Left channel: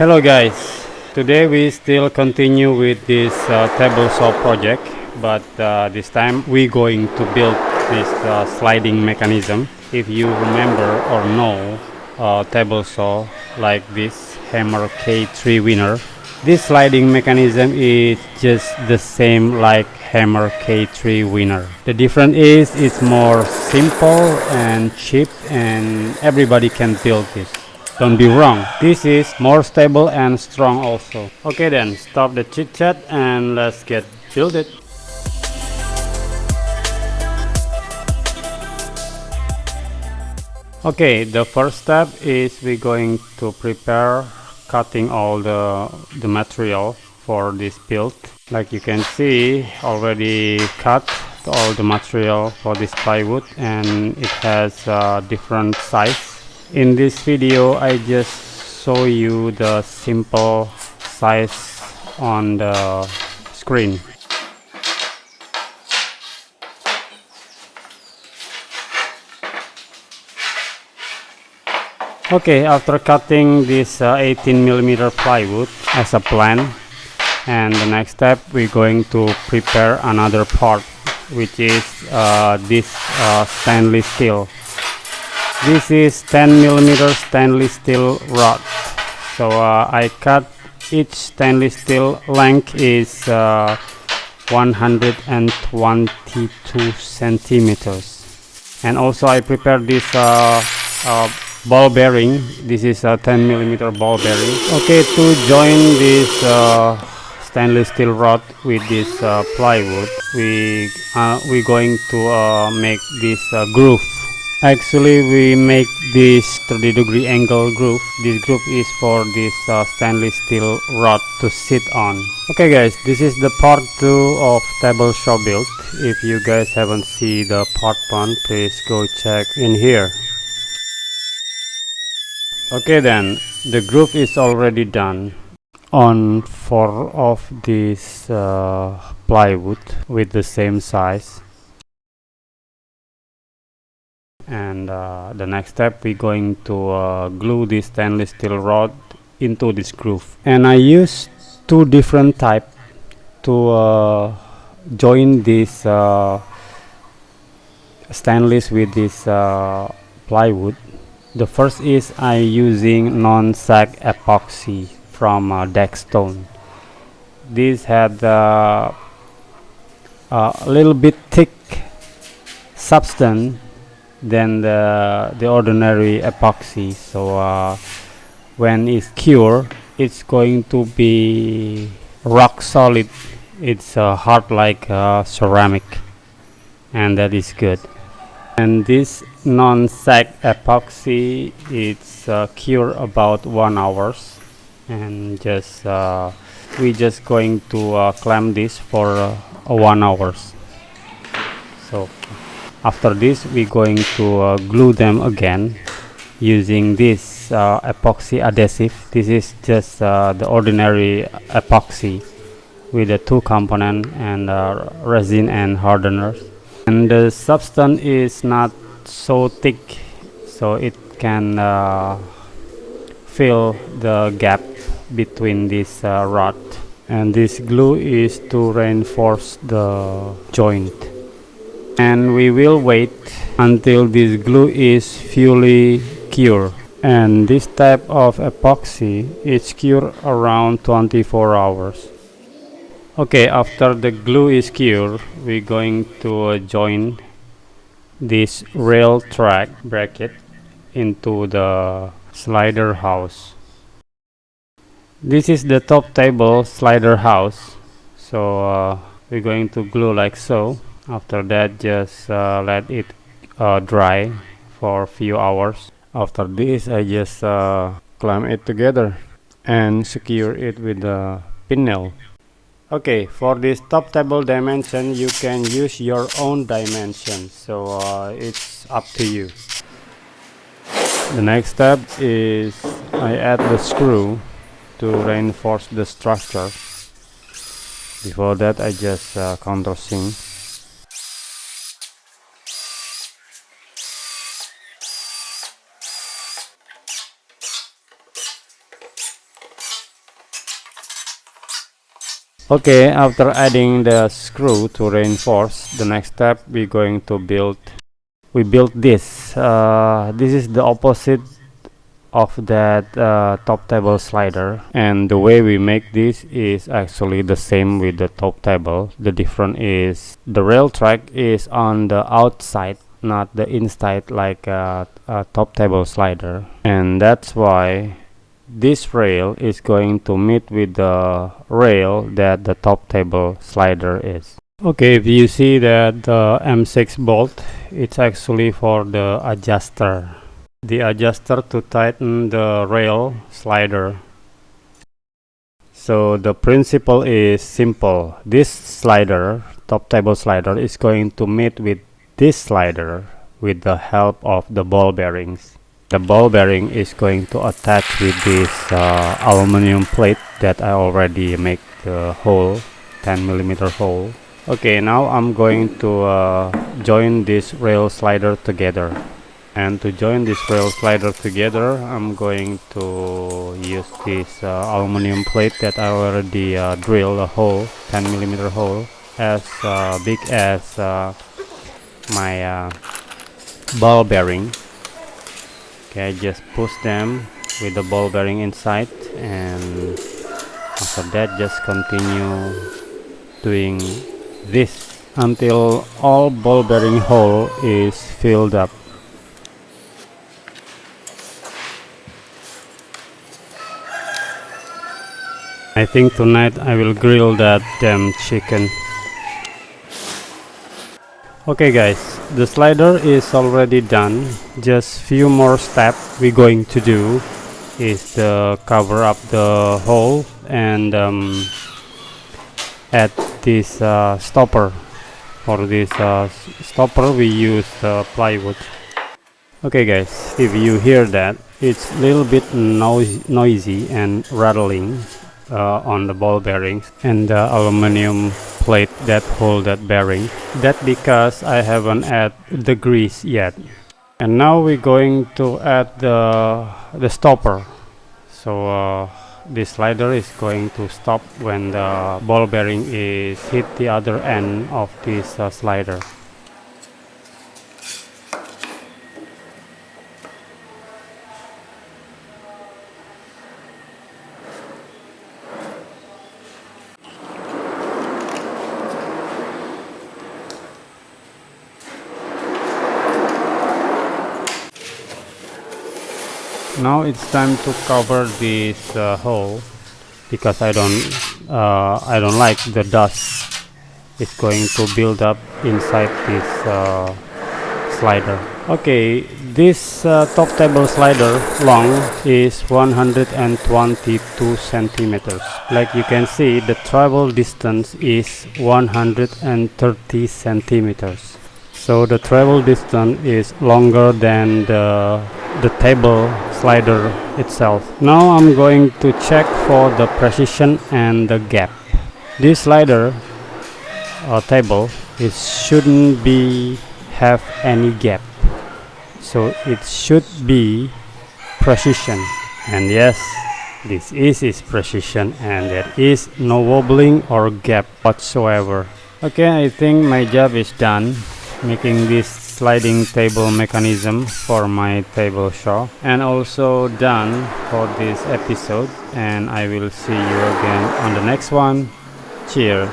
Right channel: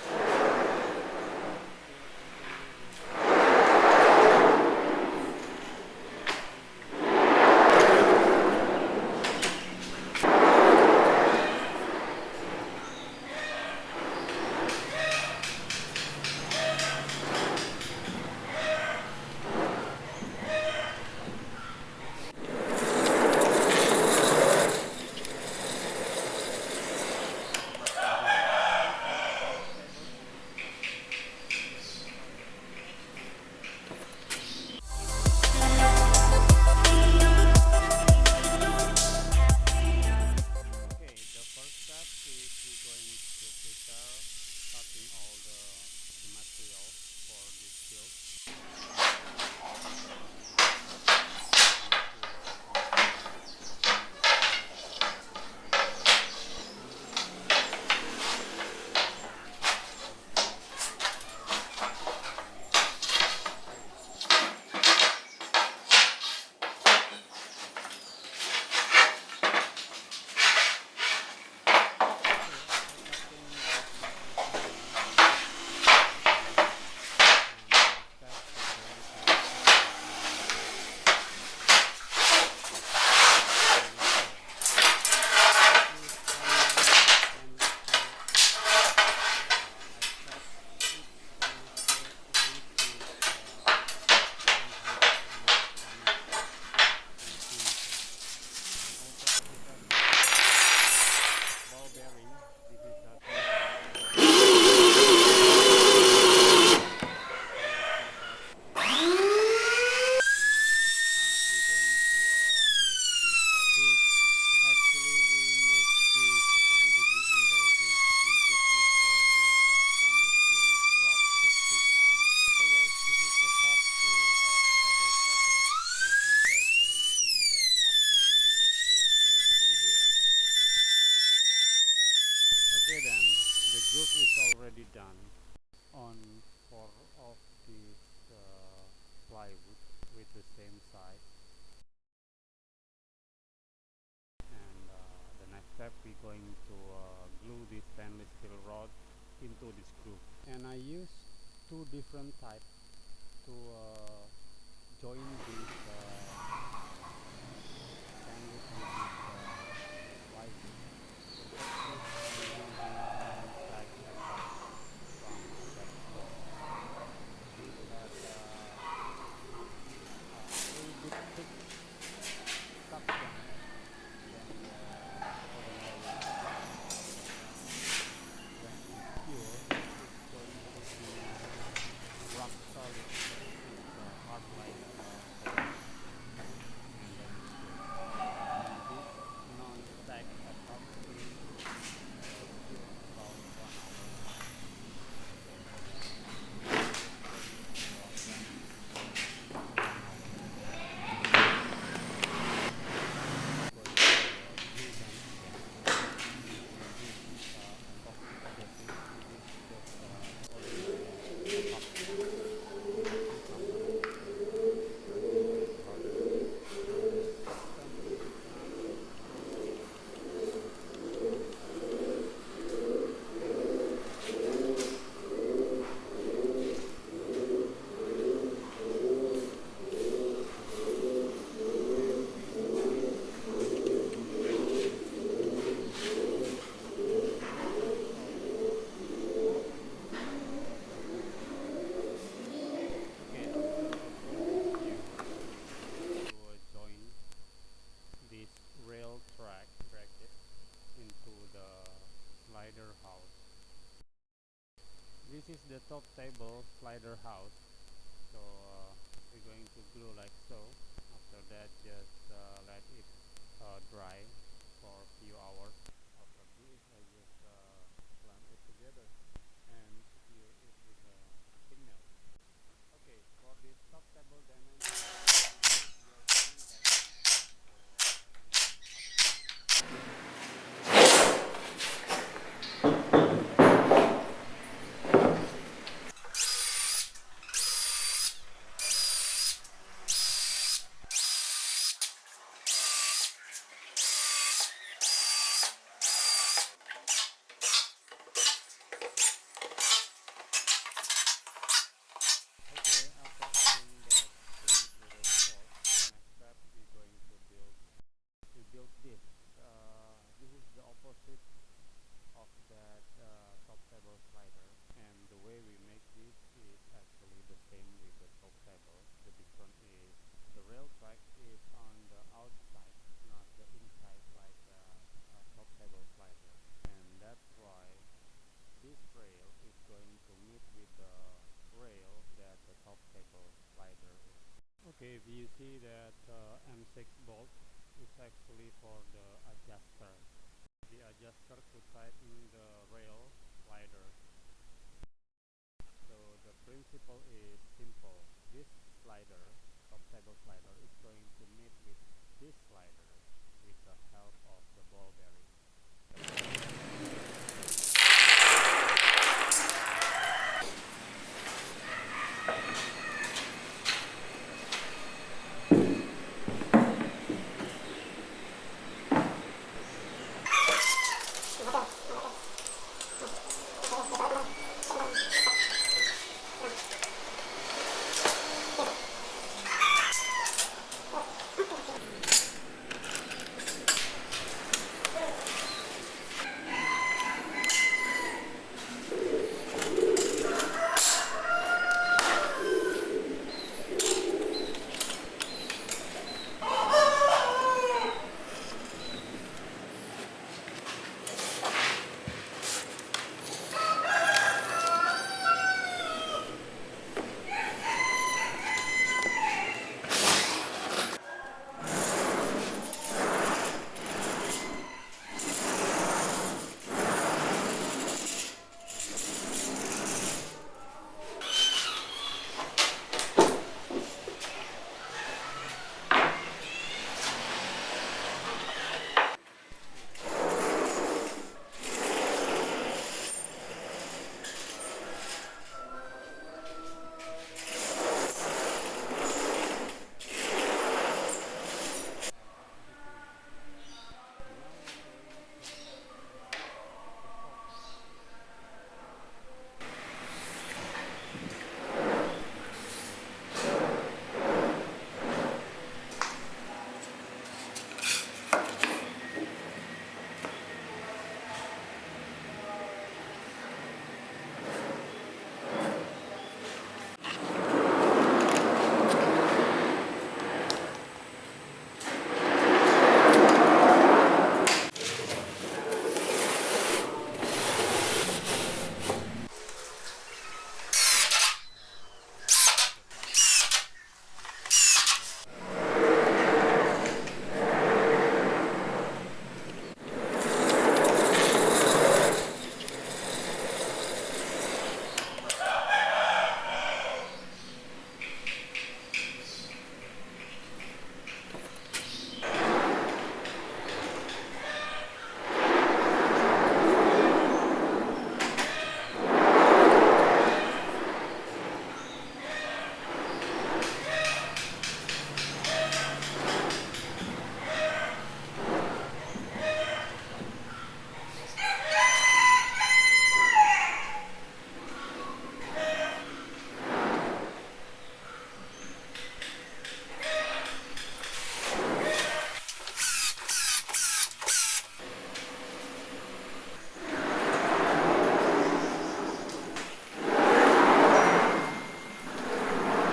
Hello guys, today we still continue with this table saw project, but this time we going to build this sliding mechanism. If you remember or know table saw like this hammer K3 winner, this sliding mechanism is just the same like hammer K3 winner. The difference is it's more simple and cheap and everybody can build this. Don't be wrong, this is more stable and strong also. Okay then, stop the chit chat and let's get build it. Okay, the first step is we're going to prepare cutting all the material for this build. Like you can see, already cut all the material for this plywood and it has different size. In this video I just show you the simple size on the screen. Okay, after cutting this 18mm plywood as a plan, and the next step we're going to prepare another part, which is this stainless steel. This is 10mm stainless steel rod. So I cut each stainless steel length is 122 centimeters. And also I prepared this ball bearing. This is a 10mm ball bearing. Okay, to join this stainless steel rod with this plywood, we're going to make this groove. Actually, we make this 30-degree angle groove. This groove is for this stainless steel rod to sit on. Okay guys, this is the part 2 of table saw build. If you guys haven't seen the part 1, please go check in here. Okay then, the groove is already done on 4 of these plywood with the same size. And the next step we're going to glue this stainless steel rod into this groove. And I use 2 different type to join this stainless with this plywood. The first is I using non-sag epoxy from Stone. This had a little bit thick substance than the ordinary epoxy. So when it's cured, it's going to be rock solid. It's hard like ceramic, and that is good. And this non-sag epoxy, it's cure about 1 hour, and just we just going to clamp this for 1 hour. So after this we're going to glue them again using this epoxy adhesive. This is just the ordinary epoxy with the 2 component and resin and hardeners. And the substance is not so thick, so it can fill the gap between this rod. And this glue is to reinforce the joint. And we will wait until this glue is fully cured. And this type of epoxy is cured around 24 hours. Okay, after the glue is cured, we're going to join this rail track bracket into the slider house. This is the top table slider house. So we're going to glue like so. After that, just let it dry for a few hours. After this, I just clamp it together and secure it with a pin nail. Okay, for this top table dimension, you can use your own dimension, so it's up to you. The next step is I add the screw to reinforce the structure. Before that, I just countersink. Okay, after adding the screw to reinforce, the next step we build this. This is the opposite of that top table slider, and the way we make this is actually the same with the top table. The difference is the rail track is on the outside, not the inside like a top table slider, and that's why this rail is going to meet with the rail that the top table slider is. Okay, if you see that the M6 bolt, it's actually for the adjuster. The adjuster to tighten the rail slider. So the principle is simple. This slider, top table slider, is going to meet with this slider with the help of the ball bearings. The ball bearing is going to attach with this aluminum plate that I already make the hole, 10mm hole. Okay, now I'm going to join this rail slider together. And to join this rail slider together, I'm going to use this aluminum plate that I already drilled a hole, 10mm hole, as big as my ball bearing. Okay, just push them with the ball bearing inside, and after that just continue doing this until all ball bearing hole is filled up. I think tonight I will grill that damn chicken. Okay guys, the slider is already done. Just few more steps we're going to do is to cover up the hole and add this stopper. For this stopper we use plywood. Okay guys, if you hear that, it's a little bit noisy and rattling on the ball bearings and the aluminum plate that hold that bearing. That's because I haven't added the grease yet. And now we're going to add the stopper. So this slider is going to stop when the ball bearing is hit the other end of this slider. Now it's time to cover this hole because I don't like the dust. It's going to build up inside this slider. Okay, this top table slider long is 122 centimeters. Like you can see, the travel distance is 130 centimeters. So the travel distance is longer than the table slider itself. Now I'm going to check for the precision and the gap. This slider table, it shouldn't have any gap, so it should be precision. And yes, this is precision, and there is no wobbling or gap whatsoever. Okay, I think my job is done making this sliding table mechanism for my table shop, and also done for this episode, and I will see you again on the next one. Cheers.